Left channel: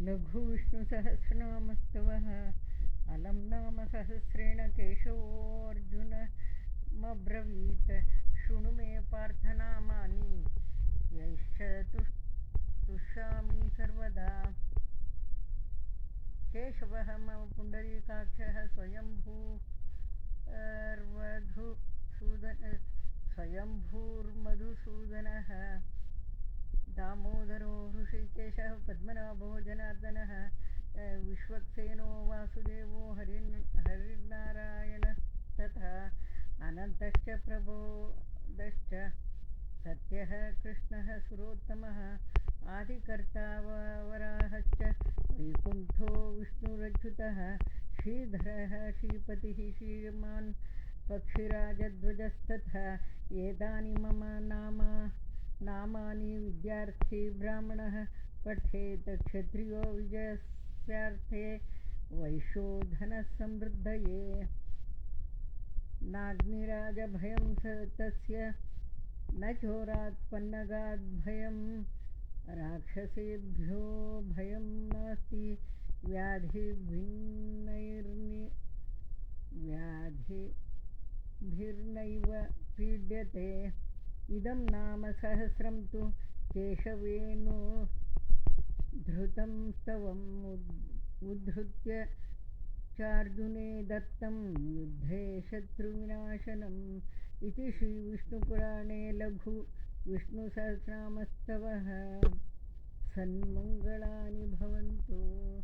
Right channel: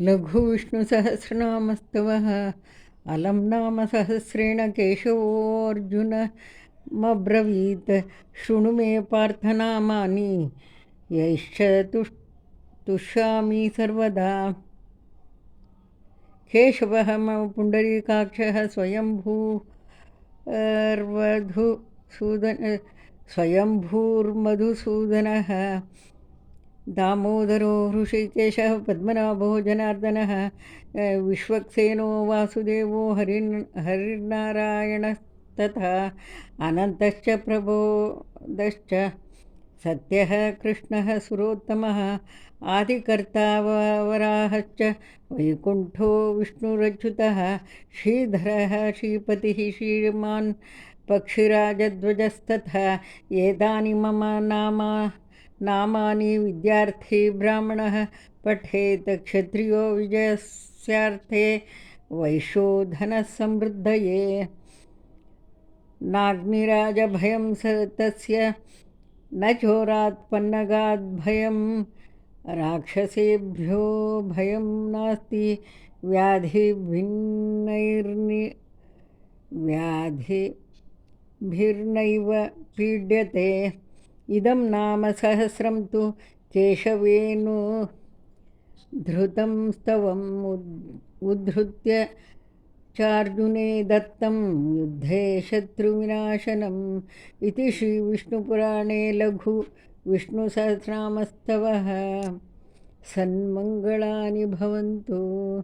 लघुविष्णुसहस्रनामस्तवः अलं नाम सहस्रेण केशवोऽर्जुनमब्रवीत्। शृणु मे पार्थनामानि यैश्च तुष्यामि सर्वदा। केशवः मम पुण्डरीकाक्षः स्वयंभूर्मधुसूदनः। दामोदरो हृषिकेशः पद्मनाभो जनार्दनः। विश्वक्सेनो वासुदेवो हरिर्नारायणस्तथा। अनन्तश्च प्रबोधश्च सत्यः कृष्णः सुरोत्तमः। आदिकर्ता वराहश्च वैकुण्ठो विष्णुरच्युतः। श्रीधरः श्रीपतिः श्रीमान् पक्षिराजध्वजस्तथा। एतानि मम नामानि विद्यार्थी ब्राह्मणः पठेत्। क्षत्रियो विजयस्यार्थे वैश्यो धनसमृद्धये। नाग्निराजभयं तस्य न चोरात् पन्नगात् भयं। राक्षसेभ्यो भयं नास्ति व्याधिभिर्नैव पीड्यते। इदं नाम सहस्रं तु केशवेनुधृतं स्तवम् उद्धृत्य चार्जुने दत्तं युद्धे शत्रुविनाशनम्। इति श्रीविष्णुपुराणे लघुविष्णुसहस्रनामस्तवः। सन्मङ्गलानि भवन्तु।